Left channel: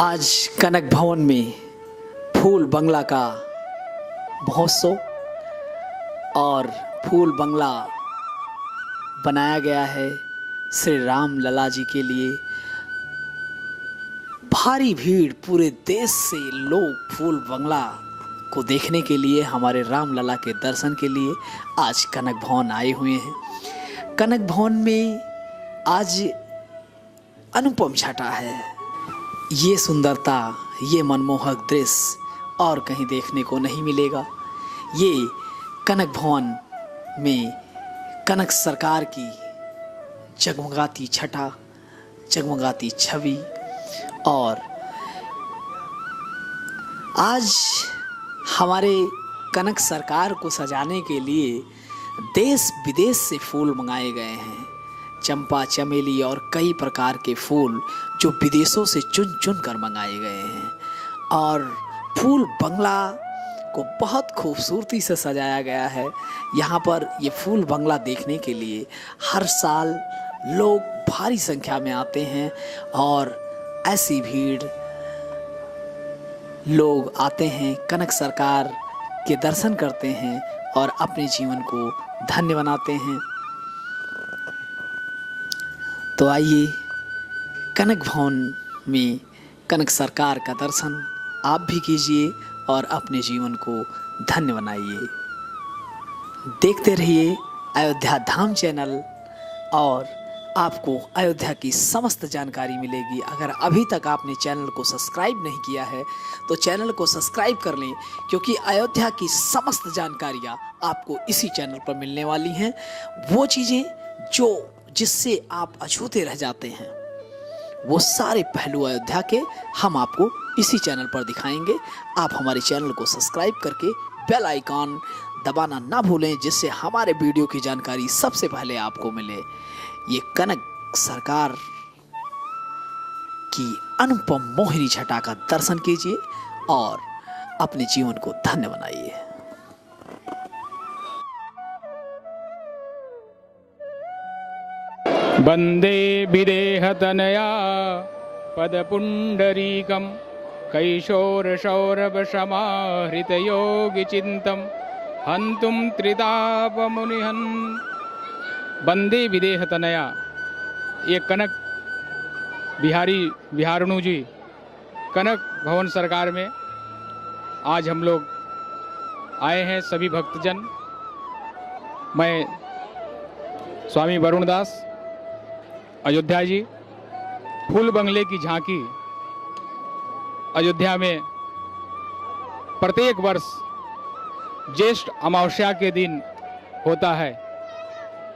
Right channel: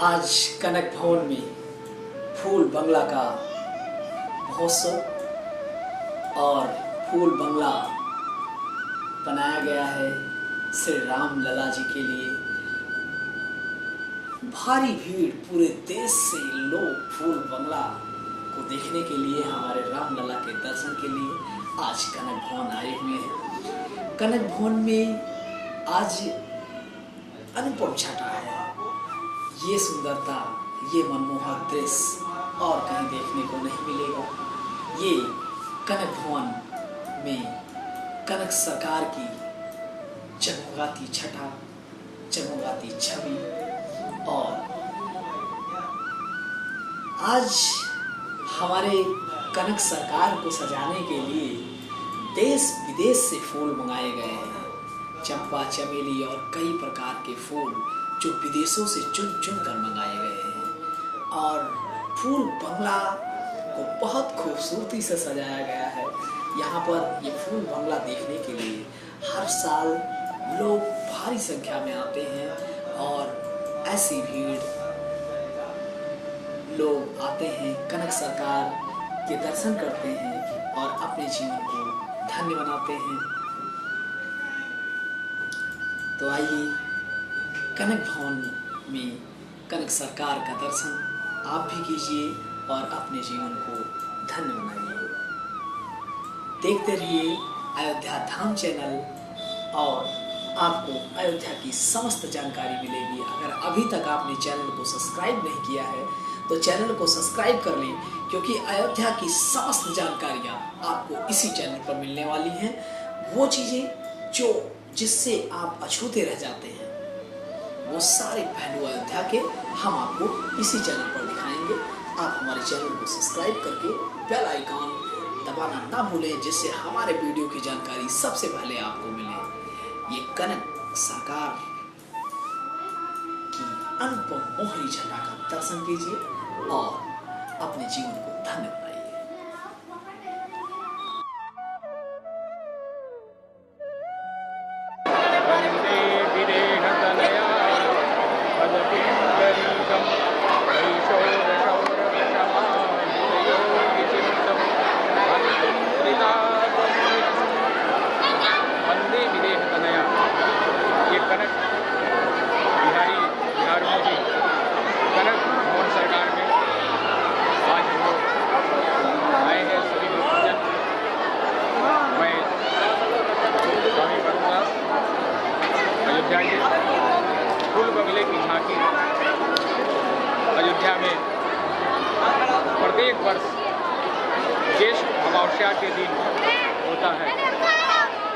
आज कनक भवन में फूल बंगला का महोत्सव और फूल बंगला बनाया गया है श्री राम लला जी के लिए। भारी भीड़ पूरे देश से लोग फूल बंगला को देखने के लिए, हमारे राम लला के दर्शन के लिए आज कनक भवन आए हुए हैं। कनक भवन में आज अनुपम छटा है। ये सुंदरता, ये मनमोहक दृश्य और कहीं देखने को नहीं मिलेगा। ये कनक भवन में कनक सरकार की जगमगाती छटा, जगमगाती छवि। और आज हमारे कनक सरकार को सजाने के लिए देश विदेश से फूल मंगाए गए हैं। चंपा, चमेली और कई प्रकार के फूल जो विदेशों से चुन चुन कर मंगाए गए हैं। और फूल बंगला को बहुत खूबसूरती से सजाया गया है। यहाँ पर ये फूल बंगला देखने के लिए हर साल लोग भारी संख्या में आते हैं और ऐसी भीड़ लोग आते हैं, कनक सरकार के दर्शन करते हैं और अपने जीवन को धन्य बनाते हैं। तो आइए कनक भवन में कनक सरकार का दर्शन आप भी कीजिए और अपने जीवन को धन्य बनाइए। देखते रहिए अयोध्या धाम चैनल और आपको अयोध्या की समस्त जानकारी मिलेगी। अगर अभी तक आपने चैनल को सब्सक्राइब नहीं किया है तो चैनल को सब्सक्राइब कर लें, क्योंकि अयोध्या की समस्त जानकारियाँ आपको इसी चैनल पर मिलने वाली हैं। वो चीज़ें जिससे आप अछूते रह जाते हैं, वो सारे पहलू अयोध्या के हम आपको इसी चैनल पर दिखाएंगे। आप हमारे चैनल को सब्सक्राइब करके बेल आइकॉन दबाना ना भूलें, जिससे हमारे वीडियो की जानकारी सबसे पहले आपको मिले। ये कनक सरकार की अनुपम मोहिनी छटा का दर्शन कीजिए और अपने जीवन को धन्य बनाइए। वंदे विदेहतनया पदपुंडरीकं कैशोरशौरवशमाहृतयोगिचिन्तं हन्तुं त्रितापमुनिहन्। वंदे विदेहतनया, ये कनक बिहारनु जी कनक भवन सरकार में आज हम लोग आए हैं। सभी भक्तजन, मैं स्वामी वरुण दास अयोध्या जी, फूल बंगले की झांकी अयोध्या में प्रत्येक वर्ष ज्येष्ठ अमावस्या के दिन होता है।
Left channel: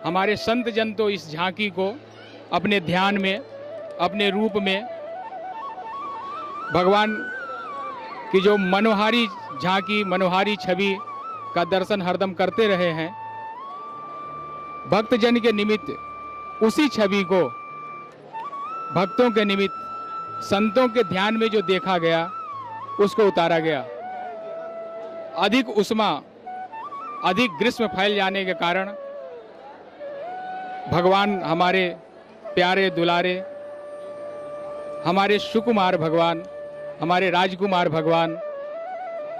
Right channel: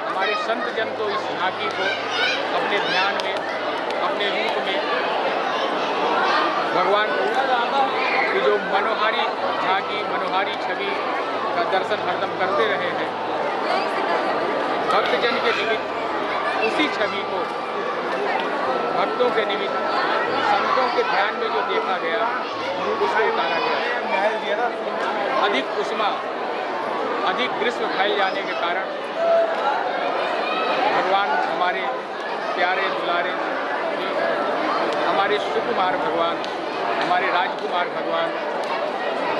हमारे संत जन तो इस झांकी को अपने ध्यान में, अपने रूप में भगवान की जो मनोहारी झांकी, मनोहारी छवि का दर्शन हरदम करते रहे हैं। भक्तजन के निमित्त उसी छवि को भक्तों के निमित्त, संतों के ध्यान में जो देखा गया उसको उतारा गया। अधिक उष्मा, अधिक ग्रीष्म फैल जाने के कारण भगवान, हमारे प्यारे दुलारे, हमारे सुकुमार भगवान, हमारे राजकुमार भगवान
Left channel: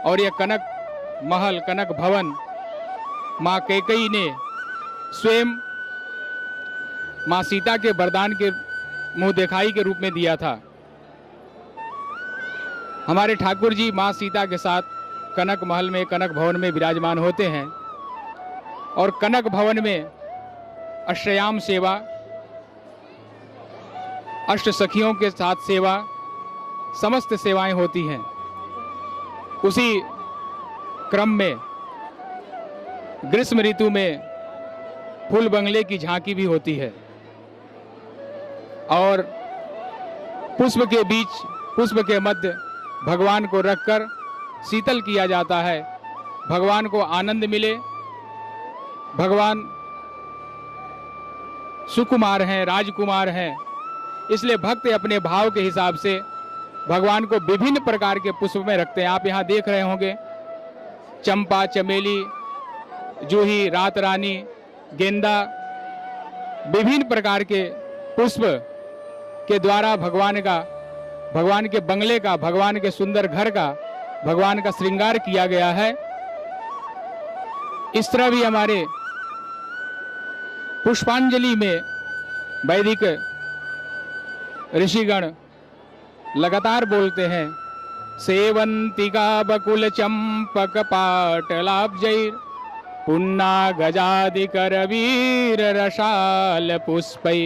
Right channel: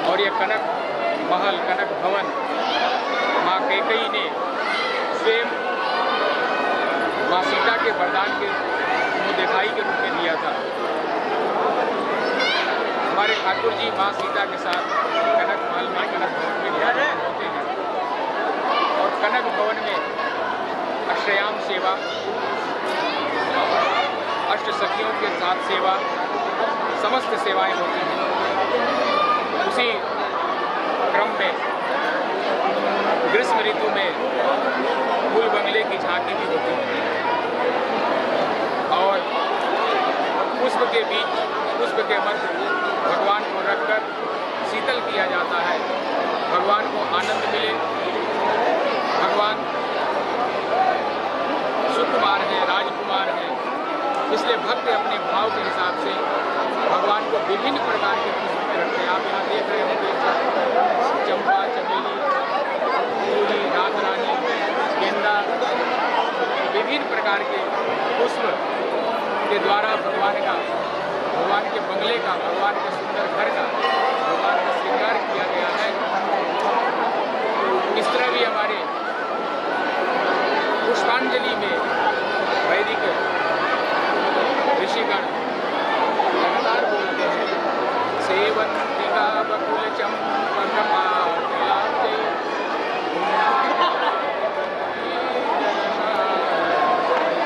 और ये कनक महल, कनक भवन माँ कैकेयी ने स्वयं माँ सीता के वरदान के मुँह दिखाई के रूप में दिया था। हमारे ठाकुर जी माँ सीता के साथ कनक महल में, कनक भवन में विराजमान होते हैं और कनक भवन में अष्टयाम सेवा, अष्ट सखियों के साथ सेवा, समस्त सेवाएं होती हैं। उसी क्रम में ग्रीष्म ऋतु में फूल बंगले की झांकी भी होती है और पुष्प के बीच, पुष्प के मध्य भगवान को रखकर शीतल किया जाता है। भगवान को आनंद मिले। भगवान सुकुमार हैं, राजकुमार हैं, इसलिए भक्त अपने भाव के हिसाब से भगवान को विभिन्न प्रकार के पुष्प में रखते हैं। आप यहाँ देख रहे होंगे चंपा, चमेली, जूही, रात रानी, गेंदा, विभिन्न प्रकार के पुष्प के द्वारा भगवान का भगवान के बंगले का, भगवान के सुंदर घर का, भगवान का श्रृंगार किया गया है। इस तरह भी हमारे पुष्पांजलि में वैदिक ऋषिगण लगातार बोलते हैं, सेवंतिका बकुल चंपक पाटलाब्जै पुन्ना गजादिकर वीर रसाल पुष्पै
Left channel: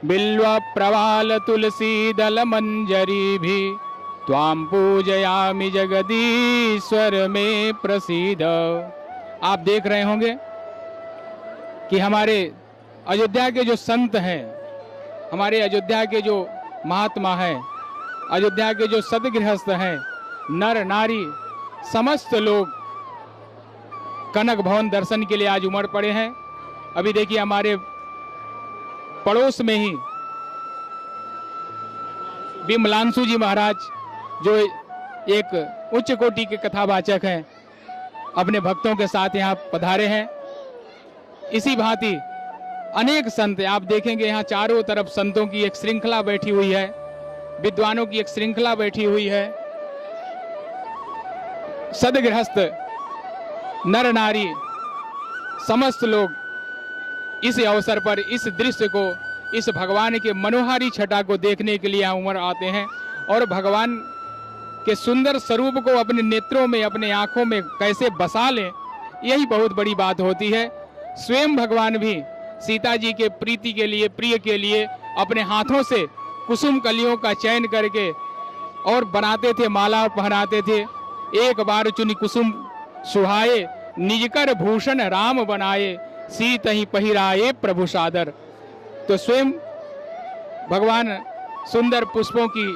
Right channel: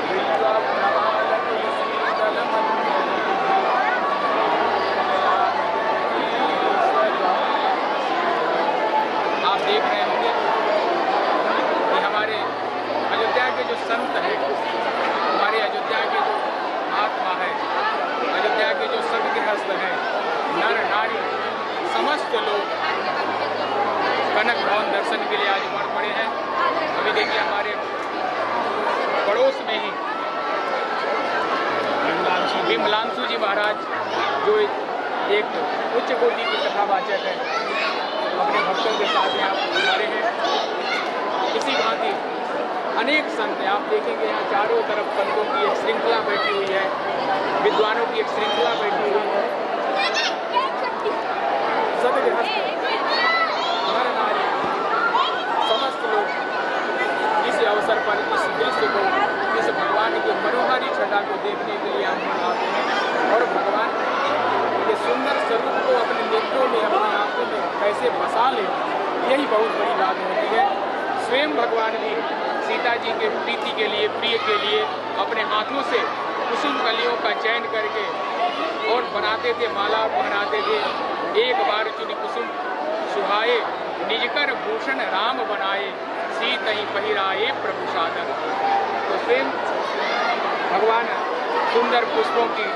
बिल्वा प्रवाल तुलसी दल मंजरी भी त्वां पूजयामि जगदीश्वर में प्रसीद। आप देख रहे होंगे कि हमारे अयोध्या के जो संत हैं, हमारे अयोध्या के जो महात्मा हैं, अयोध्या के जो सतगृहस्थ हैं, नर नारी समस्त लोग कनक भवन दर्शन के लिए आज उमड़ पड़े हैं। अभी देखिए हमारे पड़ोस में ही विमलांशु जी महाराज, जो एक उच्च कोटि के कथावाचक हैं, अपने भक्तों के साथ यहाँ पधारे हैं। इसी भांति अनेक संत, आप देखेंगे यहाँ चारों तरफ संतों की एक श्रृंखला बैठी हुई है, विद्वानों की एक श्रृंखला बैठी हुई है। सदगृहस्थ नर नारी समस्त लोग इस अवसर पर इस दृश्य को, इस भगवान के मनोहारी छटा को देखने के लिए उमड़ आते हैं और भगवान के सुंदर स्वरूप को अपने नेत्रों में, अपने आंखों में कैसे बसा लें, यही बहुत बड़ी बात होती है। स्वयं भगवान भी सीता जी के प्रीति के लिए, प्रिय के लिए अपने हाथों से कुसुम कलियों का चयन करके और बनाते थे, मालाओं पहनाते थे। एक बार चुनी कुसुम सुहाए, निजकर भूषण राम बनाए, सीत ही पहिराए प्रभु सादर। तो स्वयं भगवान सुंदर पुष्पों की,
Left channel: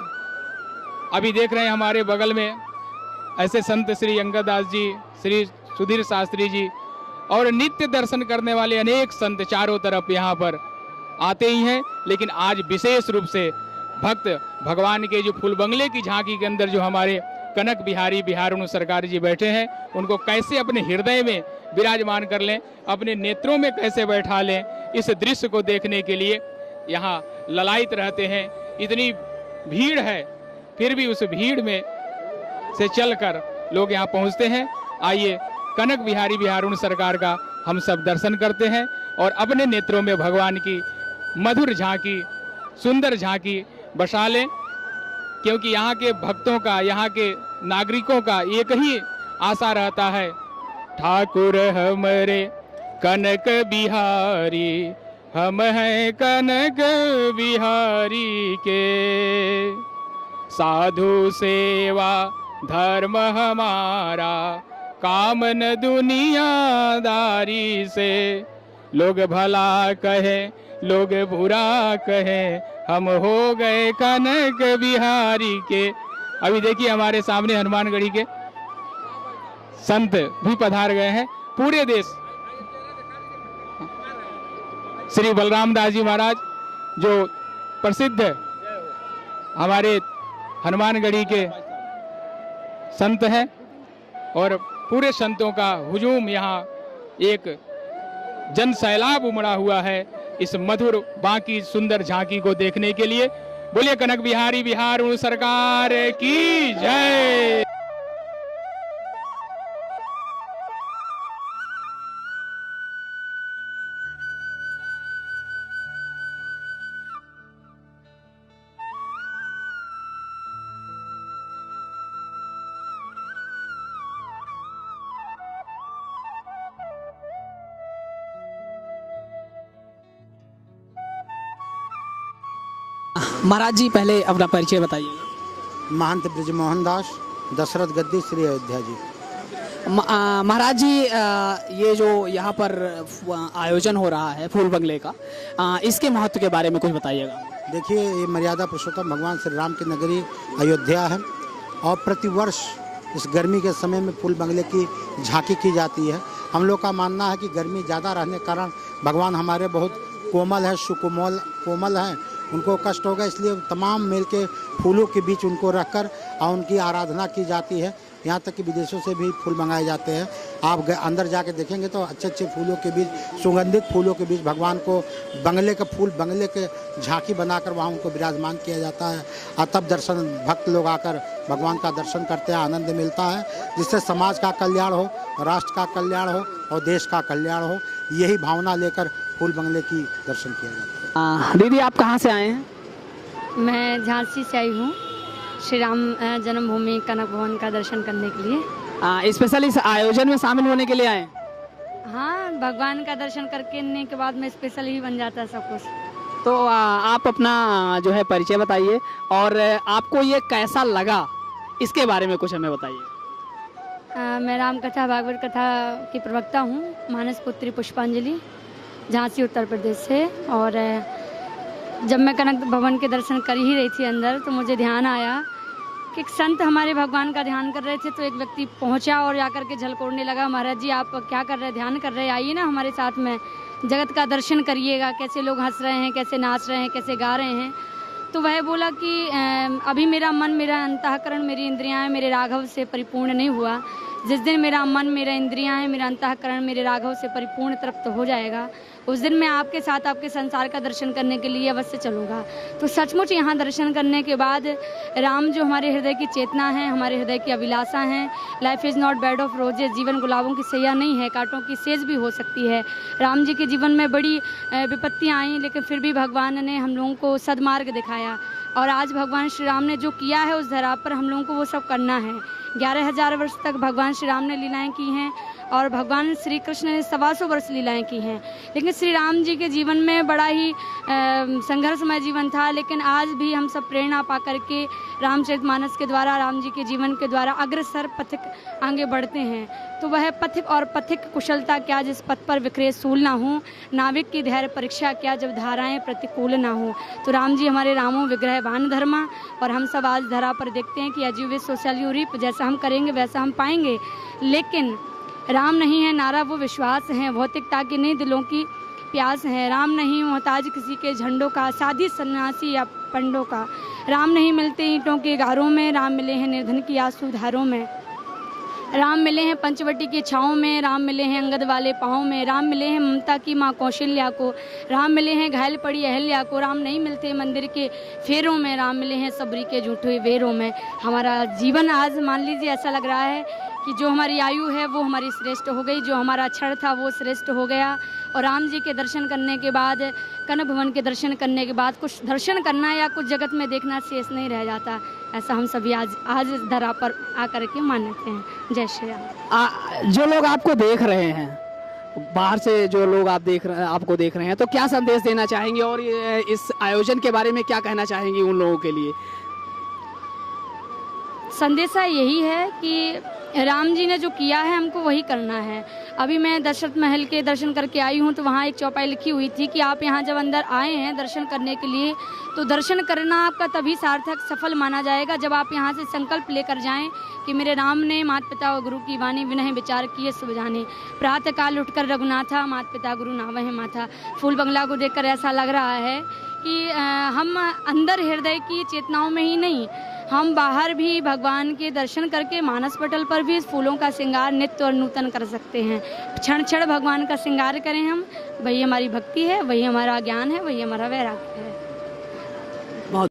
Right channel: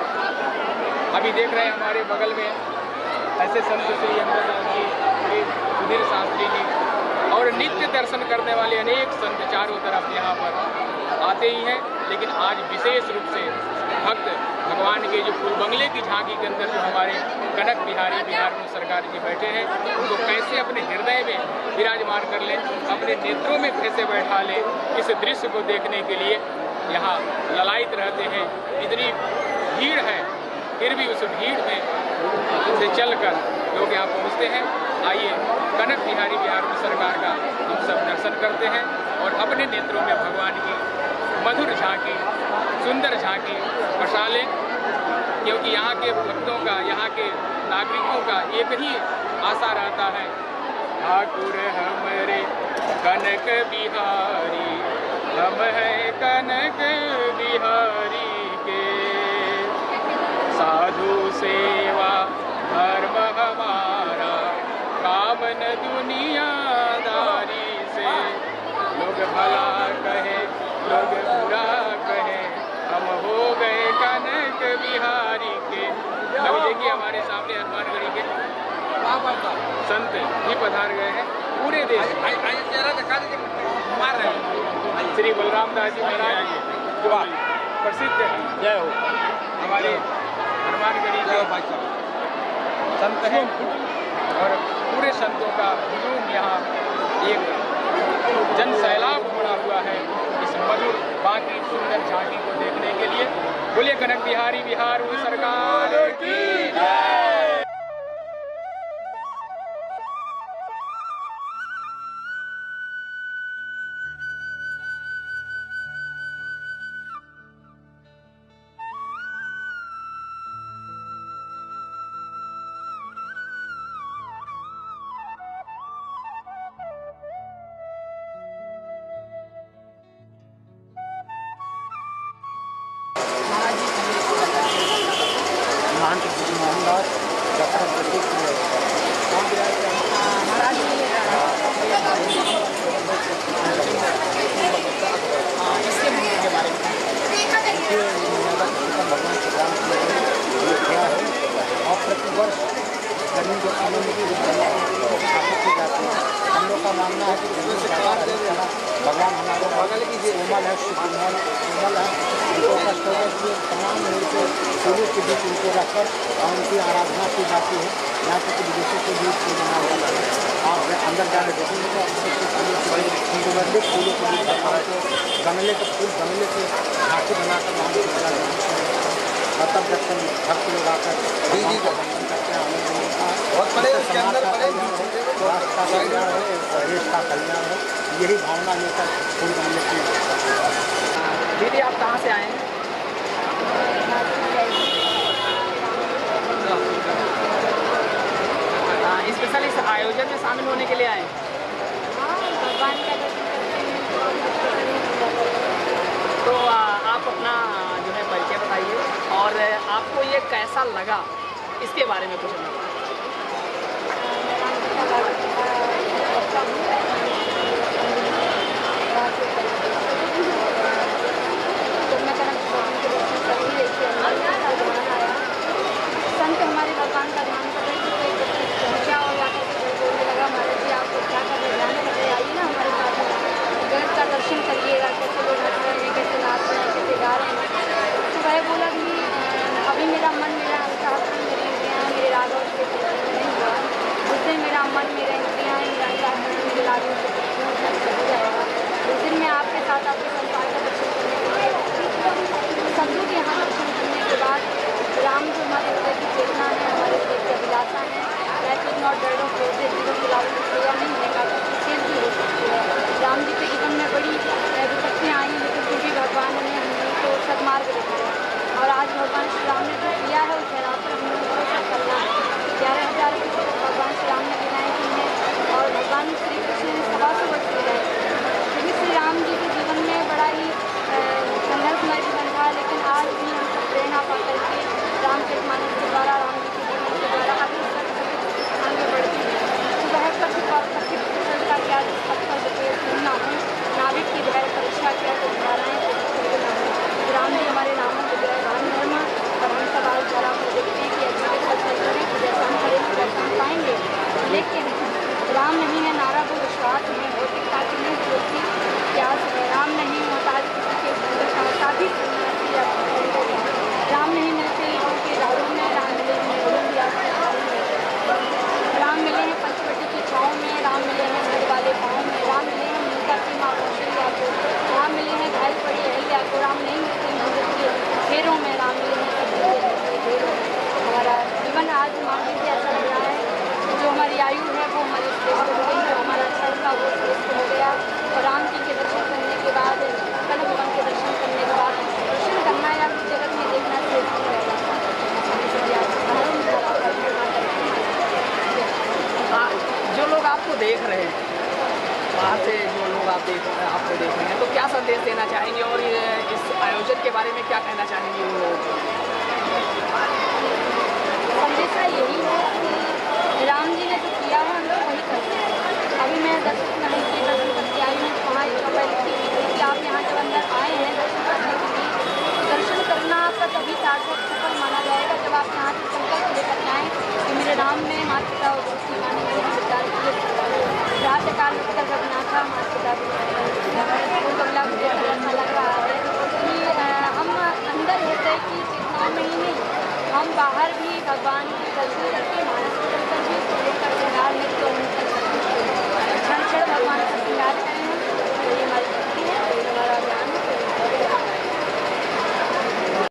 अभी देख रहे हैं हमारे बगल में ऐसे संत श्री अंगद दास जी, श्री सुधीर शास्त्री जी और नित्य दर्शन करने वाले अनेक संत चारों तरफ यहाँ पर आते ही हैं। लेकिन आज विशेष रूप से भक्त भगवान के जो फूल बंगले की झांकी के अंदर जो हमारे कनक बिहारी बिहारुण सरकार जी बैठे हैं, उनको कैसे अपने हृदय में विराजमान कर लें, अपने नेत्रों में कैसे बैठा लें, इस दृश्य को देखने के लिए यहाँ ललायित रहते हैं। इतनी भीड़ है, फिर भी उस भीड़ में से चलकर लोग यहाँ पहुँचते हैं। आइए कनक बिहारी बिहारुण सरकार का हम सब दर्शन करते हैं और अपने नेत्रों में भगवान की मधुर झांकी, सुंदर झांकी बसा लें, क्योंकि यहाँ के भक्तों का, यहाँ के नागरिकों का एक ही आशा रहता है, ठाकुर हमरे कनक बिहारी, हम हैं कनक बिहारी के, साधु सेवा धर्म हमारा, कामन दुनियादारी से, लोग भला कहे लोग बुरा कहे, हम हो गए कनक बिहारी के। अभी देखिए हमारे सामने हनुमानगढ़ी के संत भी पधार गए हैं। पूरे देश श्री बलराम दास जी महाराज जो प्रसिद्ध है, हमारे हनुमानगढ़ी के संत हैं और पूरे संतों का हुजूम यहाँ एक जन सैलाब उमड़ा हुआ है इस मधुर बाकी सुंदर झांकी को देखने के लिए। बोले कनक बिहारी बिहारुण सरकार की जय। महाराज जी पहले अपना परिचय बताइए। महंत ब्रजमोहन दास, दशरथ गद्दी, श्री अयोध्या जी। महाराज जी, ये जो यहाँ पर आयोजन हो रहा है फूल बंगले का, इसके महत्व के बारे में कुछ बताइए। देखिए, ये मर्यादा पुरुषोत्तम भगवान श्री राम की नगरी अयोध्या है और प्रतिवर्ष इस गर्मी के समय में फूल बंगले की झांकी की जाती है। हम लोग का मानना है कि गर्मी ज़्यादा रहने के कारण भगवान हमारे बहुत कोमल है, सुकोमल कोमल है, उनको कष्ट होगा, इसलिए तमाम मेल के फूलों के बीच उनको रखकर और उनकी आराधना की जाती है। यहाँ तक कि विदेशों से भी फूल बनाए जाते हैं। आप अंदर जाकर देखेंगे तो अच्छे अच्छे फूलों के बीच, सुगंधित फूलों के बीच भगवान को बंगले का फूल, बंगले के झांकी बनाकर वहाँ उनको विराजमान किया जाता है। और तब दर्शन भक्त लोग आकर भगवान का दर्शन करते हैं, आनंद मिलता है। इससे समाज का कल्याण हो, राष्ट्र का कल्याण हो और देश का कल्याण हो, यही भावना लेकर फूल बंगले की दर्शन करते हैं। दीदी आप कहाँ से आए हैं? मैं झांसी से आई हूँ श्री राम जन्मभूमि कनक भवन का दर्शन करने के लिए। स्पेशल इस आयोजन में शामिल होने के लिए आए? हाँ, भगवान का दर्शन करने के बाद में स्पेशल ही बन जाता है सब कुछ। तो आप अपना जो है परिचय बताइए और आपको ये कैसा लगा इसके बारे में कुछ हमें बताइए। मैं रामकथा भागवत कथा की प्रवक्ता हूँ, मानस पुत्री पुष्पांजलि, झांसी उत्तर प्रदेश से। और जब मैं कनक भवन के दर्शन कर ही रही थी अंदर, तो मुझे ध्यान आया, एक संत हमारे भगवान का ध्यान कर रहे थे, तो एक व्यक्ति पहुंचा और जाकर के झलकोने लगा, महाराज जी आपको क्या कर रहे, ध्यान कर रहे, आइए ना हमारे साथ में, जगत का दर्शन करिएगा, कैसे लोग हंस रहे हैं, कैसे नाच रहे हैं, कैसे गा रहे हैं। तो वह बोला कि अभी मेरा मन, मेरा अंतःकरण, मेरी इंद्रियाँ मेरे राघव से परिपूर्ण नहीं हुआ। जिस दिन मेरा मन, मेरा इंद्रियाँ, मेरा अंतःकरण मेरे राघव से परिपूर्ण हो जाएगा, उस दिन मैं आपके साथ आपके संसार का दर्शन करने के लिए अवश्य चलूँगा। तो सचमुच यहाँ दर्शन करने के बाद राम जो हमारे हृदय की चेतना है, हमारे हृदय की अभिलाषा है, life is not bed of roses, जीवन गुलाबों की सैया नहीं है, कांटों की सेज भी हो सकती है। राम जी के जीवन में बड़ी विपत्तियाँ आई, लेकिन फिर भी भगवान ने हम लोगों को सदमार्ग दिखाया। और आज भगवान श्री राम ने जो किया है उस धरा पर हम लोगों को वो सब करना है। 11,000 वर्ष तक भगवान श्री राम ने लीलाएँ की हैं और भगवान श्री कृष्ण ने 125 वर्ष लीलाएँ की हैं। लेकिन श्री राम जी के जीवन में बड़ा ही संघर्षमय जीवन था, लेकिन आज भी हम सब प्रेरणा पा करके रामचरितमानस के द्वारा, राम जी के जीवन के द्वारा अग्रसर पथिक आगे बढ़ते हैं। तो वह पथिक और पथिक कुशलता क्या जिस पथ पर विक्रेश सूल ना हो, नाविक की धैर्य परीक्षा क्या जो धाराएँ प्रतिकूल ना हो। तो राम जी हमारे रामो विग्रहवान धर्मा, और हम सब आज धरा पर देखते हैं कि अजूबे सोशल जैसा हम करेंगे वैसा हम पाएंगे। लेकिन राम नहीं है नारा वो विश्वास है, भौतिकता की नहीं दिलों की प्यास है। राम नहीं मोहताज किसी के झंडों का, साधी सन्यासी या पंडों का। राम नहीं मिलते ईंटों की गारों में, राम मिले हैं निधन की आंसू धारों में। राम मिले हैं पंचवटी की छाँव में, राम मिले हैं अंगद वाले पाँव में। राम मिले हैं ममता की माँ कौशल्या को, राम मिले हैं घायल पड़ी अहल्या को। राम नहीं मिलते मंदिर के फेरों में, राम मिले हैं सभी के झूठे बेरों में। हमारा जीवन आज मान लीजिए ऐसा लग रहा है कि जो हमारी आयु है वो हमारी श्रेष्ठ हो गई, जो हमारा क्षण था वो श्रेष्ठ हो गया। और राम जी के दर्शन करने के बाद, कनक भवन के दर्शन करने के बाद कुछ दर्शन करना या कुछ जगत में देखना शेष नहीं रह जाता। ऐसा हम सभी आज इस धरा पर आकर के मानते हैं। जय श्री राम। जो लोग आपको देख रहे हैं, बाहर से जो लोग आपको देख रहे हैं, तो क्या संदेश देना चाहेंगे और इस आयोजन के बारे में क्या कहना चाहेंगे उन लोगों के लिए? संदेशा यही है कि राम जी ने जो किया है हमको वही करना है। अभी मैं दशरथ महल के दर्शन करके आई हूँ, तो वहाँ एक चौपाई लिखी हुई थी कि आप यहाँ जब अंदर आए हैं दर्शन करने के लिए, तो दर्शन करना आपका तभी सार्थक सफल माना जाएगा जब आप यहाँ से संकल्प लेकर जाएं कि मेरे राम ने माता पिता और गुरु की वाणी विनय विचार किए सुरवानी। प्रातःकाल उठकर रघुनाथा, माता पिता गुरु नारायण माता। फूल बंगला को देखकर ऐसा लग रहा है कि हम अंदर हृदय की चेतनाओं में ही नहीं, हम बाहर भी भगवान के दर्शन करके मानस पटल पर भी फूलों का श्रृंगार नित्य और नूतन कर सकते हैं। क्षण क्षण भगवान का श्रृंगार करें हम, वही हमारी भक्ति है, वही हमारा ज्ञान है, वही